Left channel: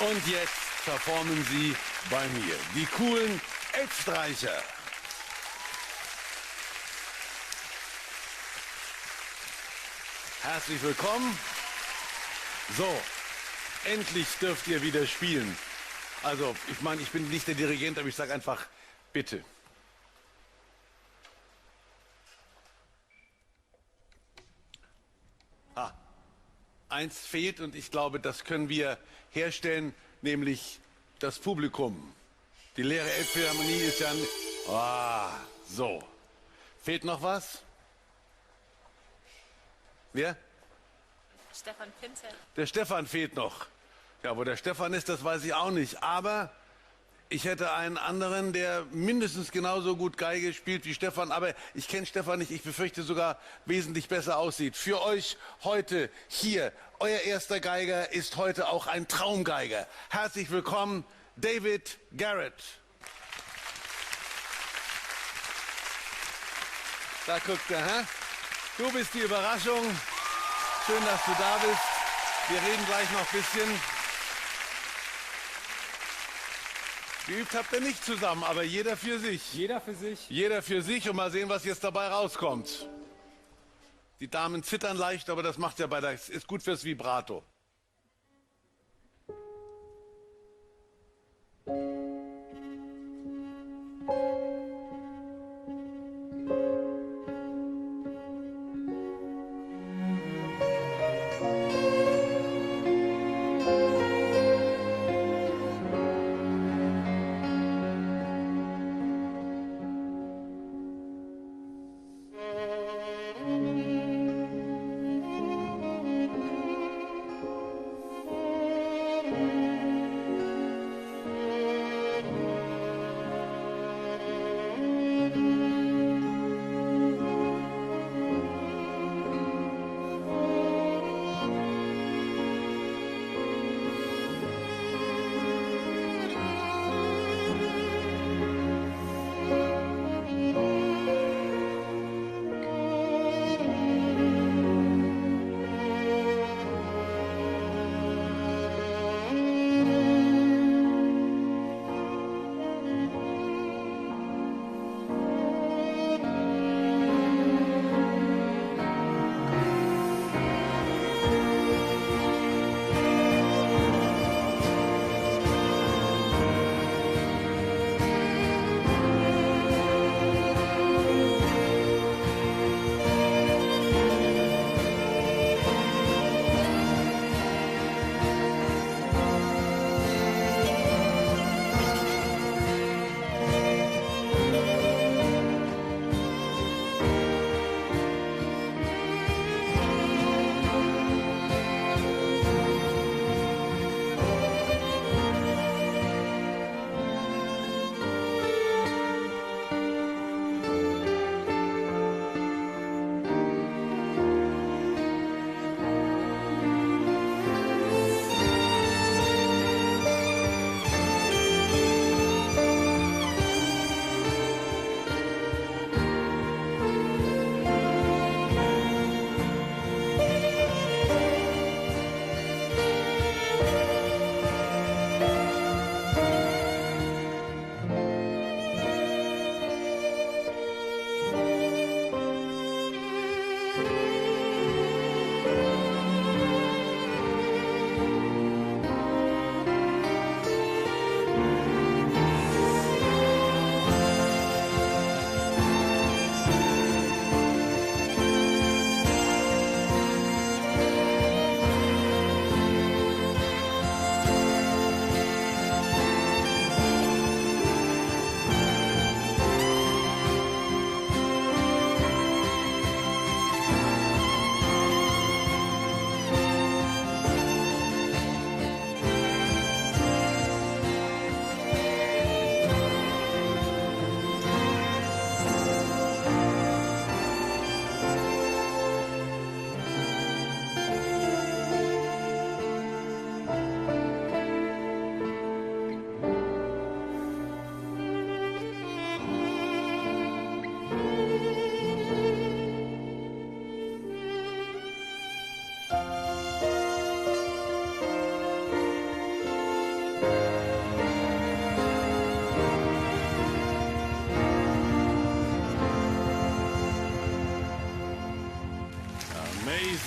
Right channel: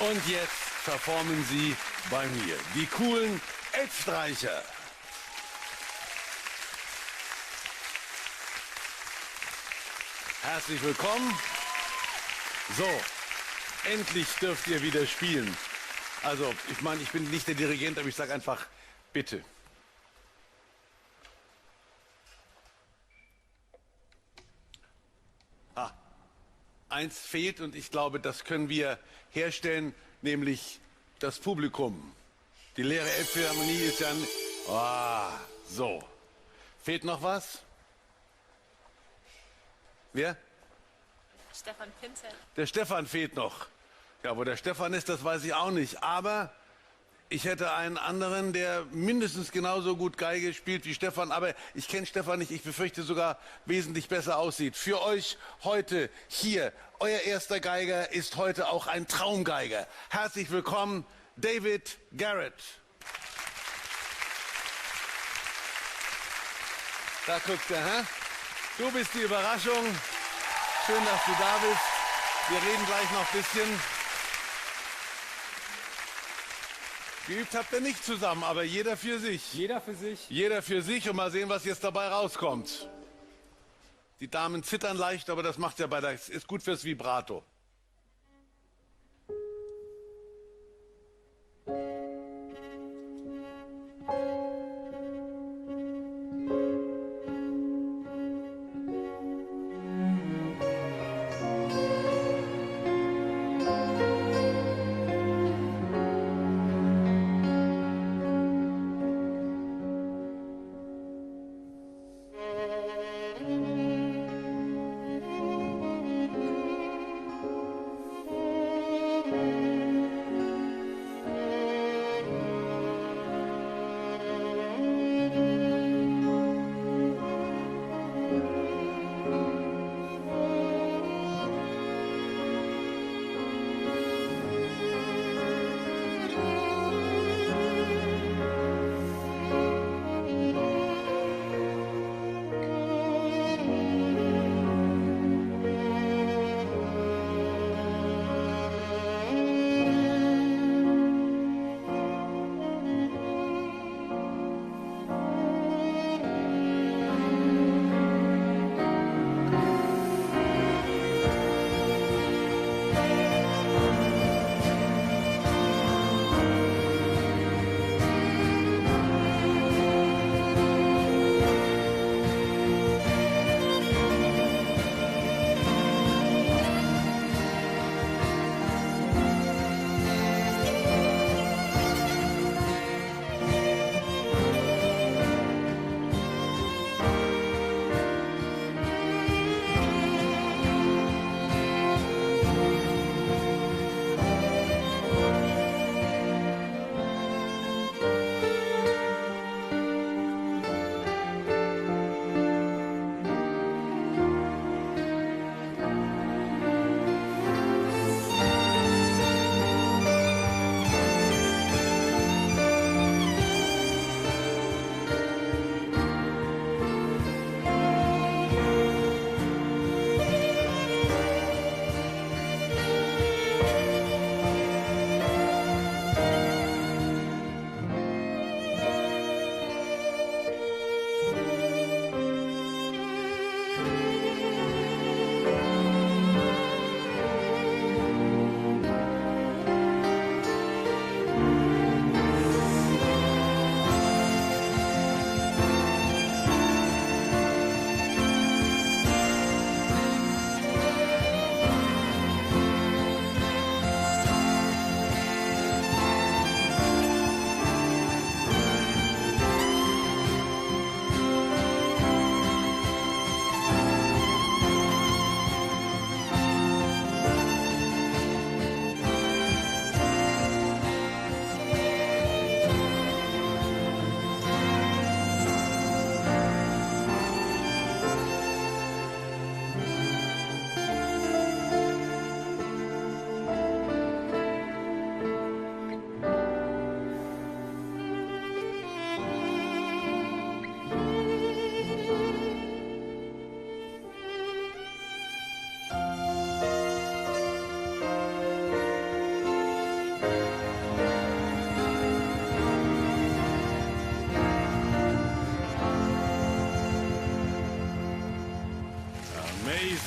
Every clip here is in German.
Und jetzt performen sie bei mir, die coolen Elbstreicher. Herzlich willkommen. So, endlich dürft ihr wieder spielen. Also, ich meine, ich bin nicht der Dirigent, aber ich sage einfach, bitte. Eins fehlt und ich glaube, das können wir herstellen, nämlich das Publikum. Die leere Elbphilharmonie ist ja so. Fehlt noch was? Wer? Stefan Pinter. Der Stefan fehlt noch. Ja, wo der Stefan ist, das weiß ich auch nicht. Aber ich hätte einen anderen, der mindestens genauso gut Geige spielt wie Stefan. Aber ich kenne Stefan nicht. Ich befürchte sogar wesentlich besser aussieht. Für euch heute hier, euer erster Geiger ist heute auch ein Traumgeiger. Herzlich willkommen, David Garrett. Da guckt er, hä? Du bist die Überraschung. Schön, dass du da bist. Wir reden gleich noch ein bisschen. Geübt habt ihr nicht zusammen, aber jeder für sich. Jeder für sich. Jeder für sich und mal sehen, was jetzt dabei rauskommt. Die Damen zittern leicht, aber das macht ja ist gut fürs Vibrato.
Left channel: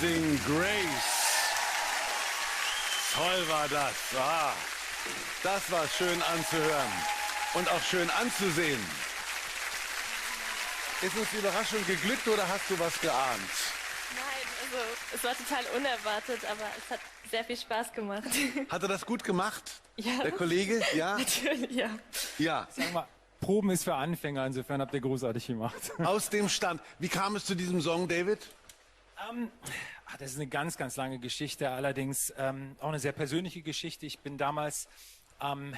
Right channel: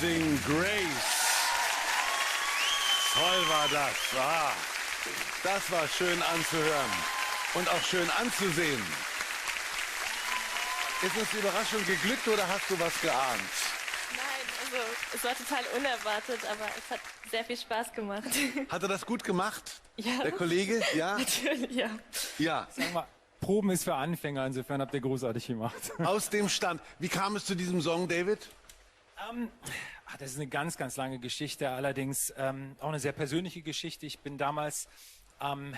Amazing Grace. Toll war das. Ah, das war schön anzuhören und auch schön anzusehen. Ist uns die Überraschung geglückt oder hast du was geahnt? Nein, also es war total unerwartet, aber es hat sehr viel Spaß gemacht. Hat er das gut gemacht? Ja. Der Kollege? Ja? Natürlich, ja. Ja. Sag mal, Proben ist für Anfänger, insofern habt ihr großartig gemacht. Aus dem Stand. Wie kam es zu diesem Song, David? Das ist eine ganz, ganz lange Geschichte, allerdings auch eine sehr persönliche Geschichte. Ich bin damals am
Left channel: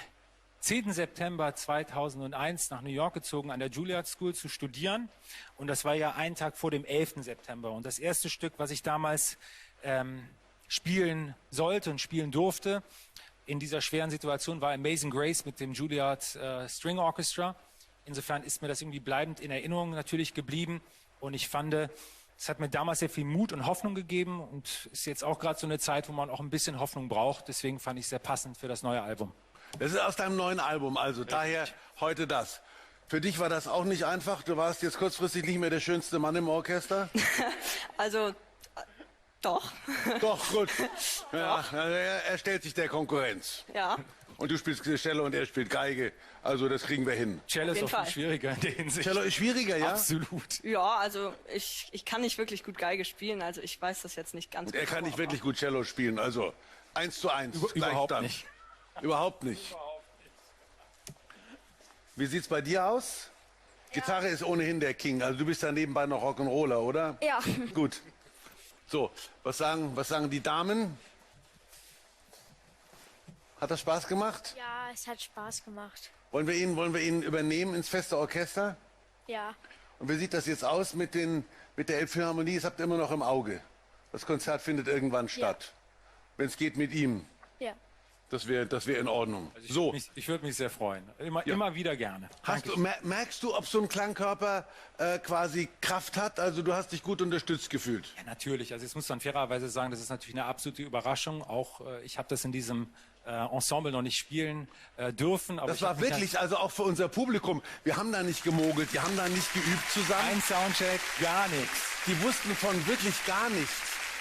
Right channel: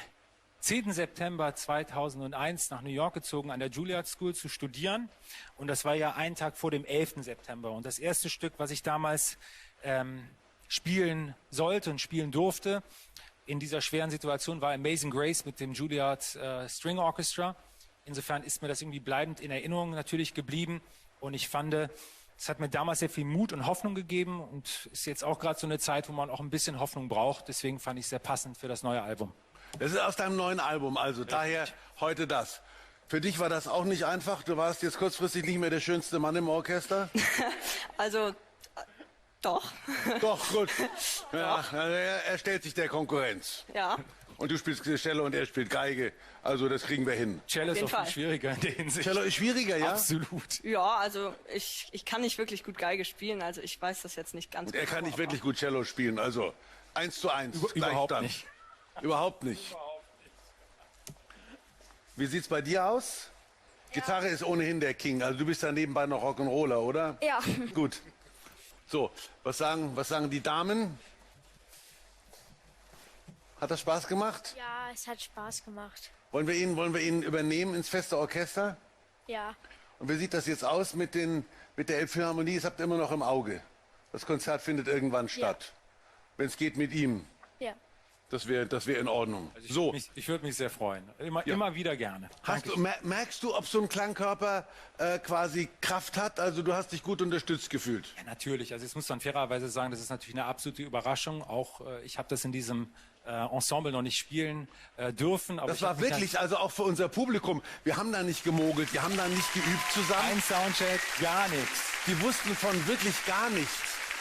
10. September 2001 nach New York gezogen, an der Juilliard School zu studieren. Und das war ja ein Tag vor dem 11. September. Und das erste Stück, was ich damals spielen sollte und spielen durfte, in dieser schweren Situation, war Amazing Grace mit dem Juilliard String Orchestra. Insofern ist mir das irgendwie bleibend in Erinnerung natürlich geblieben. Und ich fand, es hat mir damals sehr viel Mut und Hoffnung gegeben. Und ist jetzt auch gerade so eine Zeit, wo man auch ein bisschen Hoffnung braucht. Deswegen fand ich es sehr passend für das neue Album. Das ist aus deinem neuen Album, also daher heute das. Für dich war das auch nicht einfach. Du warst jetzt kurzfristig nicht mehr der schönste Mann im Orchester. Also, doch. Doch, gut. Ja, er stellt sich der Konkurrenz. Ja. Und du spielst Cello und er spielt Geige. Also das kriegen wir hin. Cello ist jeden auch viel Fall. schwieriger in der Hinsicht. Cello ist schwieriger, ja? Absolut. Ja, also ich kann nicht wirklich gut Geige spielen, also ich weiß das jetzt nicht ganz Und er genau, kann nicht aber- wirklich gut Cello spielen. Also 1:1. Überhaupt nicht. Überhaupt nicht. Wie sieht's bei dir aus? Gitarre ist ohnehin der King. Also du bist ja nebenbei noch Rock'n'Roller, oder? Ja. Gut. So, was sagen die Damen? Hat das Spaß gemacht? Ja, es hat Spaß gemacht. Wollen wir ihn übernehmen ins feste Orchester? Ja, Und wie sieht das jetzt aus mit der Elbphilharmonie? Das habt ihr immer noch im Auge. Das Konzert findet irgendwann statt. Wenn es geht mit ihm. ja. Das wär in Ordnung. So, Ich würde mich sehr freuen. Immer wieder gerne. merkst du, ob so ein Klangkörper quasi Kraft hat? Also du hast dich gut unterstützt gefühlt. Ja, natürlich. Also jetzt muss man fairerweise sagen, das ist natürlich eine absolute Überraschung. Auch ich habe das in diesem Ensemble noch nicht spielen dürfen. Aber Das ich war hab mich wirklich, also auch für unser Publikum. Wir haben da nicht gemogelt, wir haben da nicht geübt zusammen. ein Soundcheck, gar nichts. Die wussten von wirklich gar nichts.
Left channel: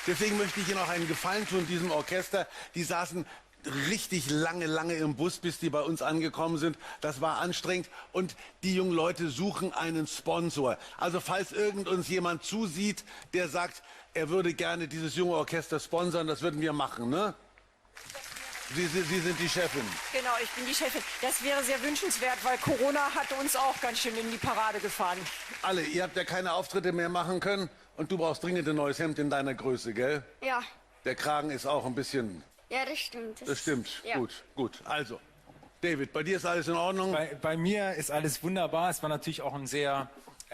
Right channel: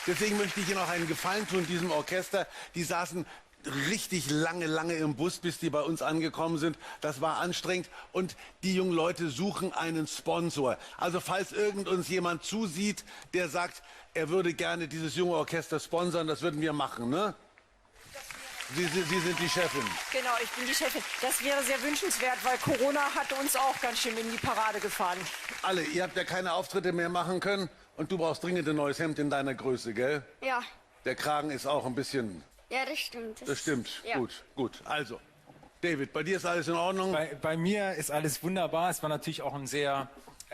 Deswegen möchte ich Ihnen auch einen Gefallen tun, diesem Orchester. Die saßen richtig lange im Bus, bis die bei uns angekommen sind. Das war anstrengend. Und die jungen Leute suchen einen Sponsor. Also falls uns jemand zusieht, der sagt, er würde gerne dieses junge Orchester sponsern, das würden wir machen, ne? Sie sind die Chefin. Genau, ich bin die Chefin. Das wäre sehr wünschenswert, weil Corona hat uns auch ganz schön in die Parade gefahren. Alle, ihr habt ja keine Auftritte mehr machen können und du brauchst dringend ein neues Hemd in deiner Größe, gell? Ja, Der Kragen ist auch ein bisschen... ja, das stimmt. Das stimmt. Ja. Gut. Also, David, bei dir ist alles in Ordnung? Bei mir ist alles wunderbar. Es war natürlich auch ein sehr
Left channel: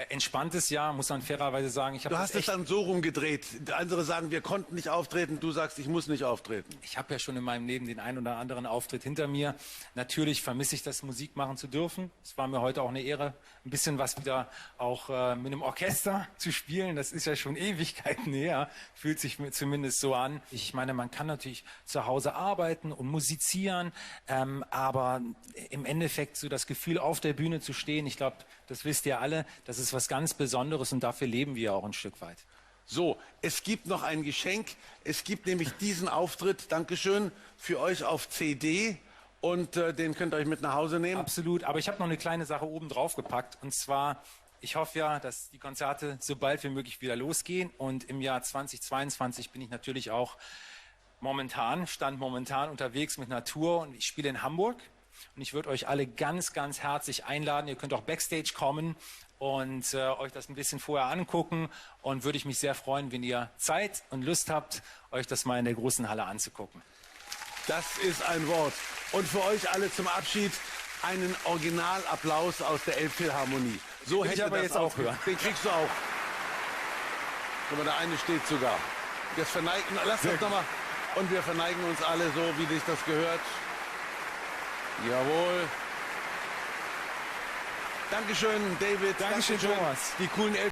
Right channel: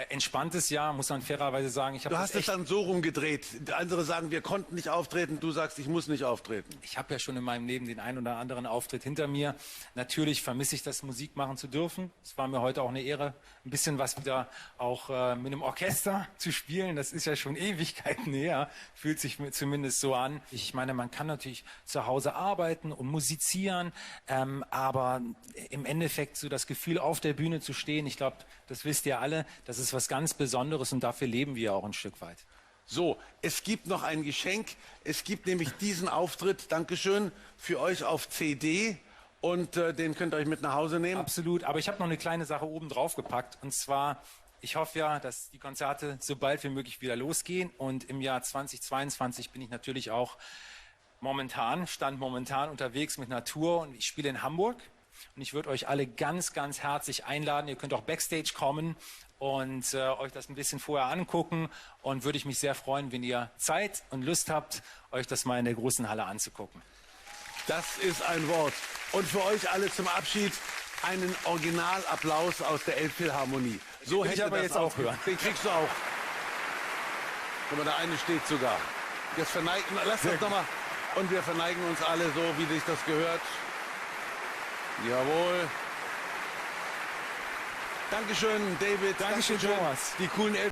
entspanntes Jahr, muss man fairerweise sagen. Ich Du habe hast es dann so rumgedreht. Andere sagen, wir konnten nicht auftreten. Du sagst, ich muss nicht auftreten. Ich habe ja schon in meinem Leben den einen oder anderen Auftritt hinter mir. Natürlich vermisse ich das, Musik machen zu dürfen. Es war mir heute auch eine Ehre, ein bisschen was wieder auch mit einem Orchester zu spielen. Das ist ja schon Ewigkeiten her. Fühlt sich mir zumindest so an. Ich meine, man kann natürlich zu Hause arbeiten und musizieren, aber im Endeffekt so das Gefühl, auf der Bühne zu stehen, ich glaube, das wisst ihr alle, das ist was ganz Besonderes und dafür leben wir auch ein Stück weit. So, es gibt noch ein Geschenk. Es gibt nämlich diesen Auftritt, Dankeschön, für euch auf CD. Und den könnt ihr euch mit nach Hause nehmen. Absolut, aber ich habe noch eine kleine Sache oben drauf gepackt. Und zwar, ich hoffe ja, dass die Konzerte so bald wie möglich wieder losgehen. Und im Jahr 2022 bin ich natürlich auch momentan unterwegs mit einer Tour. Und ich spiele in Hamburg. Und ich würde euch alle ganz, ganz herzlich einladen. Ihr könnt auch Backstage kommen und euch das ein bisschen vorher angucken. Und würde ich mich sehr freuen, wenn ihr Zeit und Lust habt, euch das mal in der großen Halle anzugucken. Das ist ein Wort. Und für euch alle zum Abschied einen Originalapplaus aus der Elbphilharmonie. So hätte aber das jetzt auch aufhören. Den kriegst du auch. Guck mal, der eine steht sogar. Das verneigen, lasst uns nochmal. Und wir verneigen uns alle so, wie sich das gehört. Jawohl. Dankeschön, David. Dankeschön, Thomas. Die coolen